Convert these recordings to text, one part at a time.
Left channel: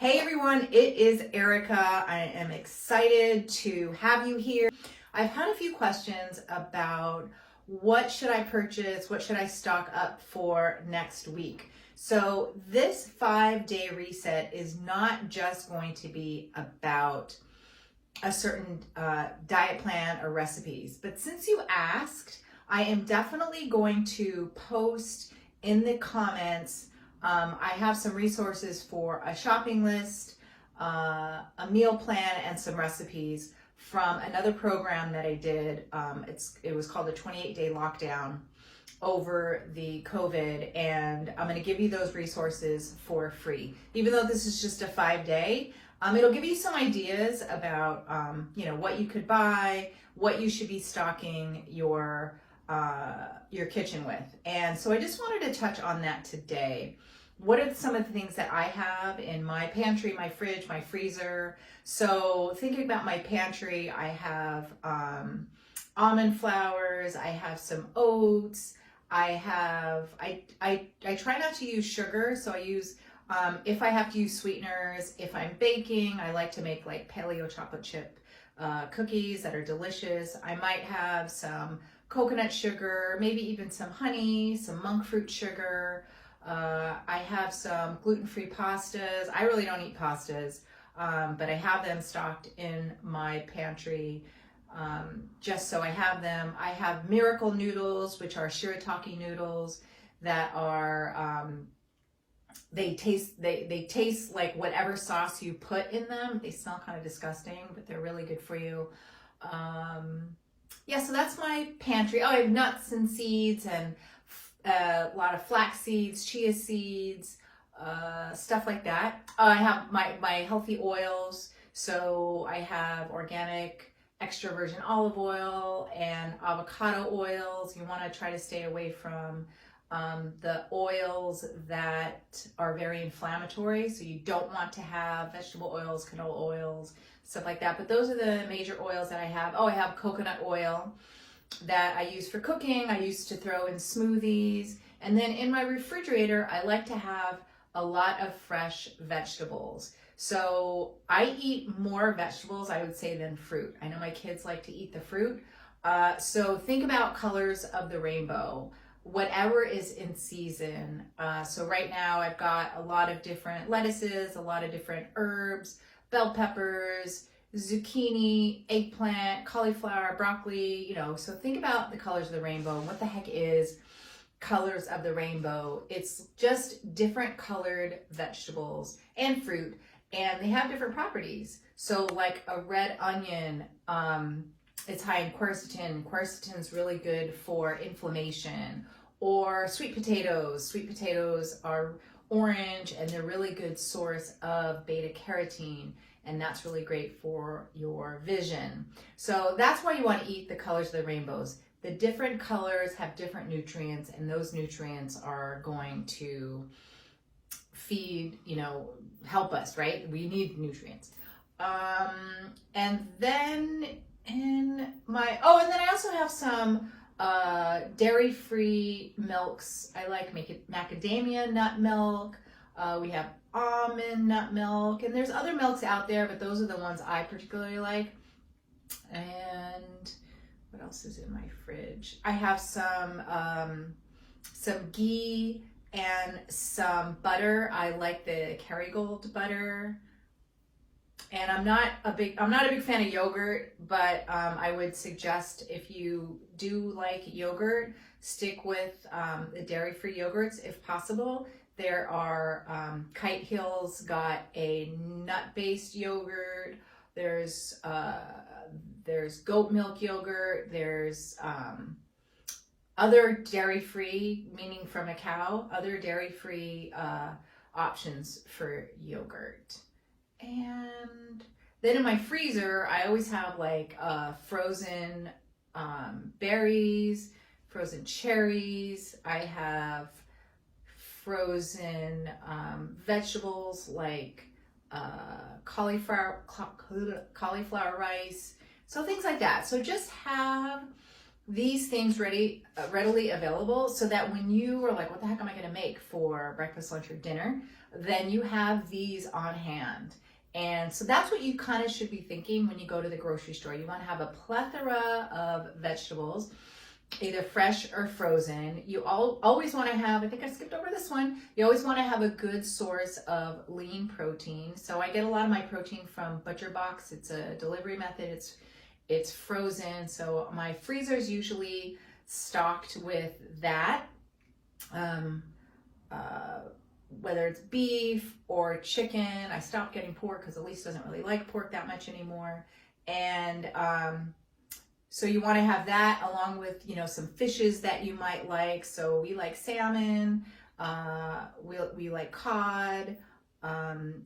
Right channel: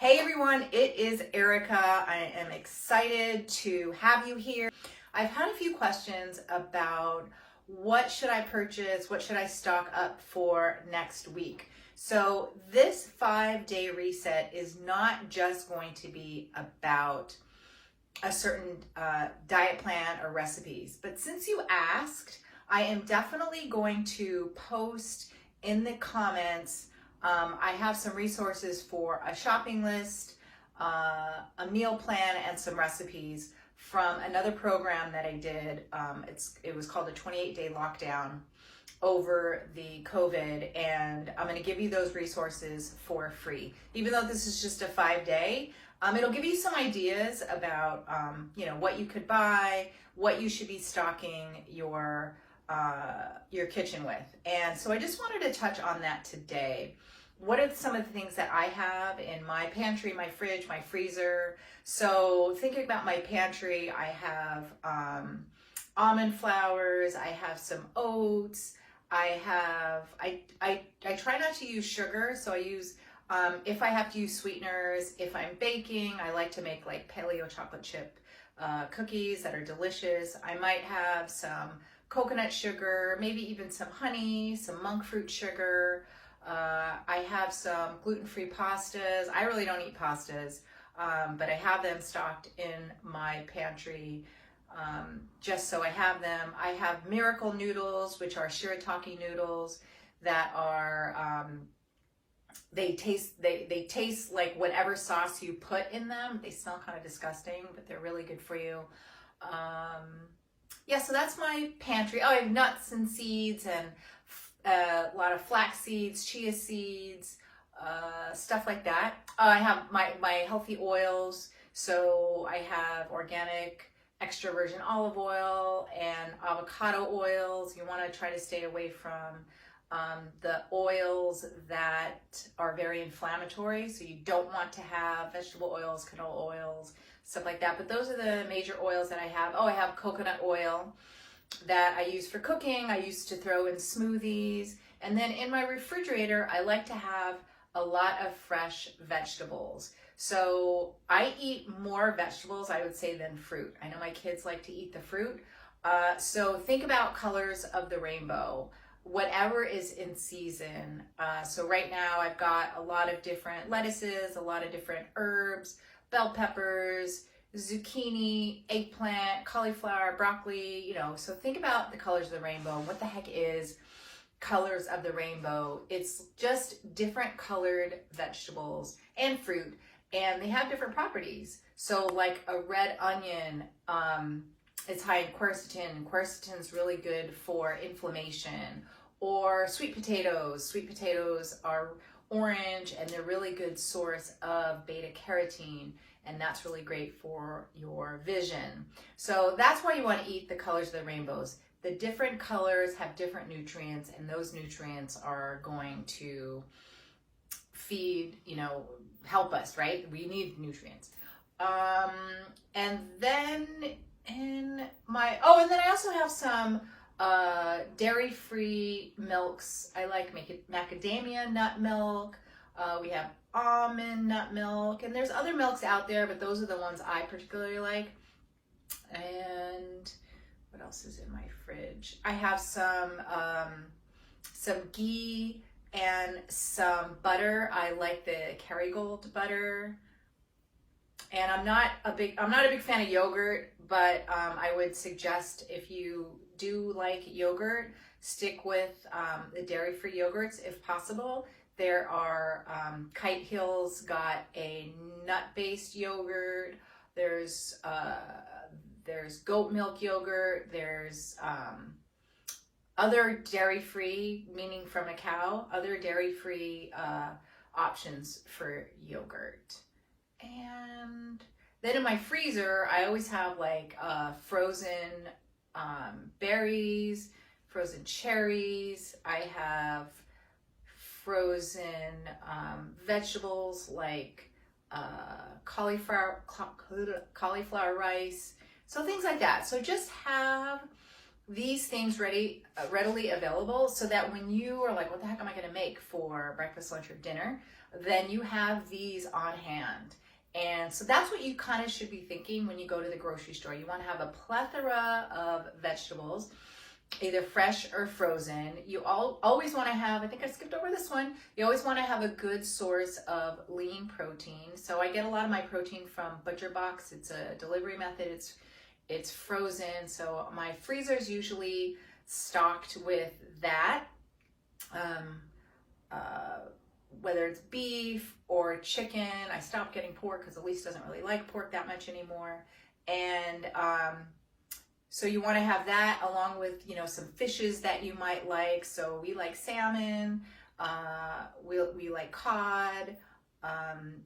Hey everyone, it is Erica. I am excited to have you here. I've had a few questions about what should I purchase, what should I stock up for next week. So this 5-day reset is not just going to be about a certain diet plan or recipes, but since you asked, I am definitely going to post in the comments. I have some resources for a shopping list, a meal plan, and some recipes from another program that I did. It was called the 28-day lockdown over the COVID, and I'm going to give you those resources for free. Even though this is just a 5-day, it'll give you some ideas about what you could buy, what you should be stocking your kitchen with. And so I just wanted to touch on that today. What are some of the things that I have in my pantry, my fridge, my freezer? So thinking about my pantry, I have almond flours, I have some oats, I try not to use sugar, so I use, if I have to use sweeteners, if I'm baking, I like to make like paleo chocolate chip cookies that are delicious. I might have some coconut sugar, maybe even some honey, some monk fruit sugar. I have some gluten-free pastas. I really don't eat pastas, but I have them stocked in my pantry just so I have them. I have miracle noodles, which are shirataki noodles that are, they taste like whatever sauce you put in them. They smell kind of disgusting, but they're really good for you. Yeah, so that's my pantry. Oh, I have nuts and seeds and a lot of flax seeds, chia seeds, stuff like that. I have my healthy oils. So I have organic extra virgin olive oil and avocado oils. You want to try to stay away from the oils that are very inflammatory. So you don't want to have vegetable oils, canola oils, stuff like that. But those are the major oils that I have. Oh, I have coconut oil that I use for cooking. I used to throw in smoothies. And then in my refrigerator, I like to have a lot of fresh vegetables. So I eat more vegetables, I would say, than fruit. I know my kids like to eat the fruit. So think about colors of the rainbow, whatever is in season. So right now I've got a lot of different lettuces, a lot of different herbs, bell peppers, zucchini, eggplant, cauliflower, broccoli, so think about the colors of the rainbow. And what the heck is colors of the rainbow? It's just different colored vegetables and fruit, and they have different properties. So like a red onion, it's high in quercetin. Quercetin is really good for inflammation. Or sweet potatoes. Sweet potatoes are orange, and they're a really good source of beta carotene, and that's really great for your vision. So that's why you want to eat the colors of the rainbows. The different colors have different nutrients, and those nutrients are going to feed, help us, right? We need nutrients. And then and then I also have some dairy-free milks. I like macadamia nut milk. We have almond nut milk, and there's other milks out there, but those are the ones I particularly like. And what else is in my fridge? I have some ghee and some butter. I like the Kerrygold butter. And I'm not a big fan of yogurt, but I would suggest, if you do like yogurt, stick with the dairy-free yogurts if possible. There are Kite Hill's got a nut-based yogurt. There's goat milk yogurt. There's other dairy-free, meaning from a cow, other dairy-free options for yogurt. And then in my freezer, I always have like frozen berries, frozen cherries. I have frozen vegetables like cauliflower rice, so things like that. So just have these things readily available, so that when you are like, what the heck am I going to make for breakfast, lunch, or dinner? then you have these on hand. And so that's what you kind of should be thinking when you go to the grocery store. You want to have a plethora of vegetables, either fresh or frozen. You always want to have, I think I skipped over this one, you always want to have a good source of lean protein. So I get a lot of my protein from ButcherBox. It's a delivery method. It's frozen. So my freezer is usually stocked with that. Whether it's beef or chicken. I stopped getting pork because Elise doesn't really like pork that much anymore. And so you want to have that along with, some fishes that you might like. So we like salmon, we like cod.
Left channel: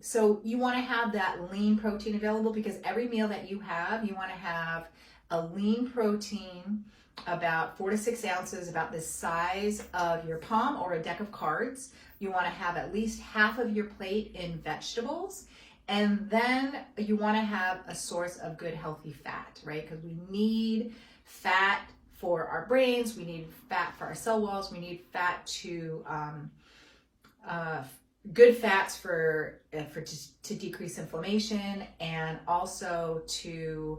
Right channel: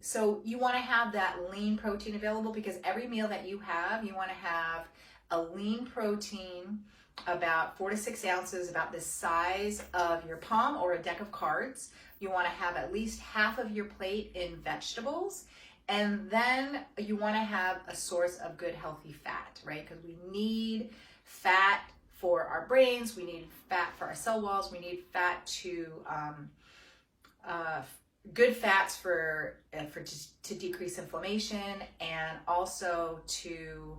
So you want to have that lean protein available, because every meal that you want to have a lean protein about 4 to 6 ounces, about the size of your palm or a deck of cards. You want to have at least half of your plate in vegetables. And then you want to have a source of good, healthy fat, right? Because we need fat for our brains. We need fat for our cell walls. We need fat to, good fats to decrease inflammation, and also to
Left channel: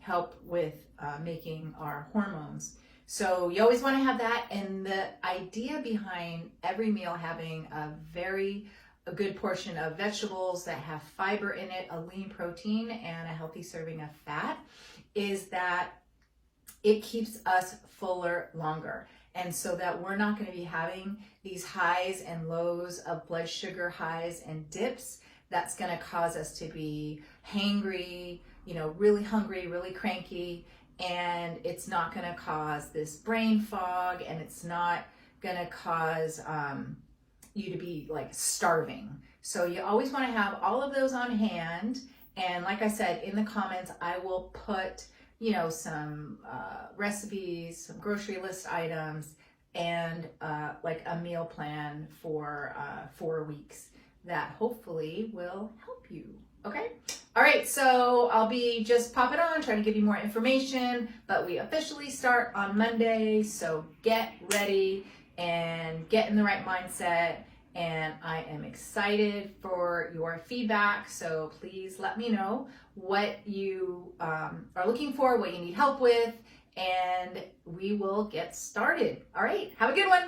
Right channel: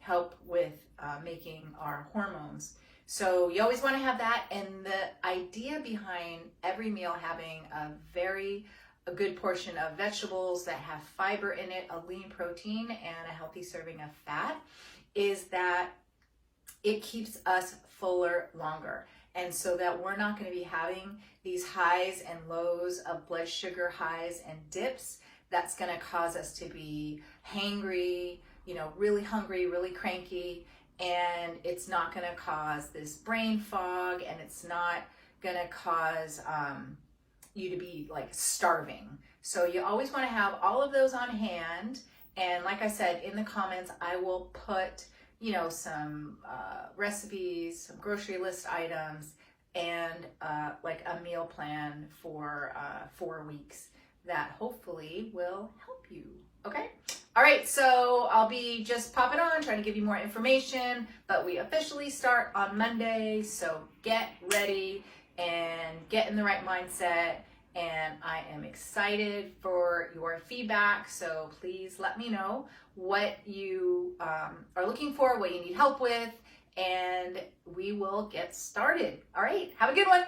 help with making our hormones. So you always want to have that. And the idea behind every meal having a good portion of vegetables that have fiber in it, a lean protein, and a healthy serving of fat is that it keeps us fuller longer. And so that we're not going to be having these highs and lows of blood sugar highs and dips. That's going to cause us to be hangry, really hungry, really cranky. And it's not going to cause this brain fog, and it's not going to cause you to be like starving. So you always want to have all of those on hand. And like I said, in the comments, I will put, some recipes, some grocery list items, and like a meal plan for 4 weeks that hopefully will help you. Okay. All right. So I'll be just popping on, trying to give you more information, but we officially start on Monday. So get ready and get in the right mindset. And I am excited for your feedback. So please let me know what you are looking for, what you need help with, and we will get started. All right. Have a good one.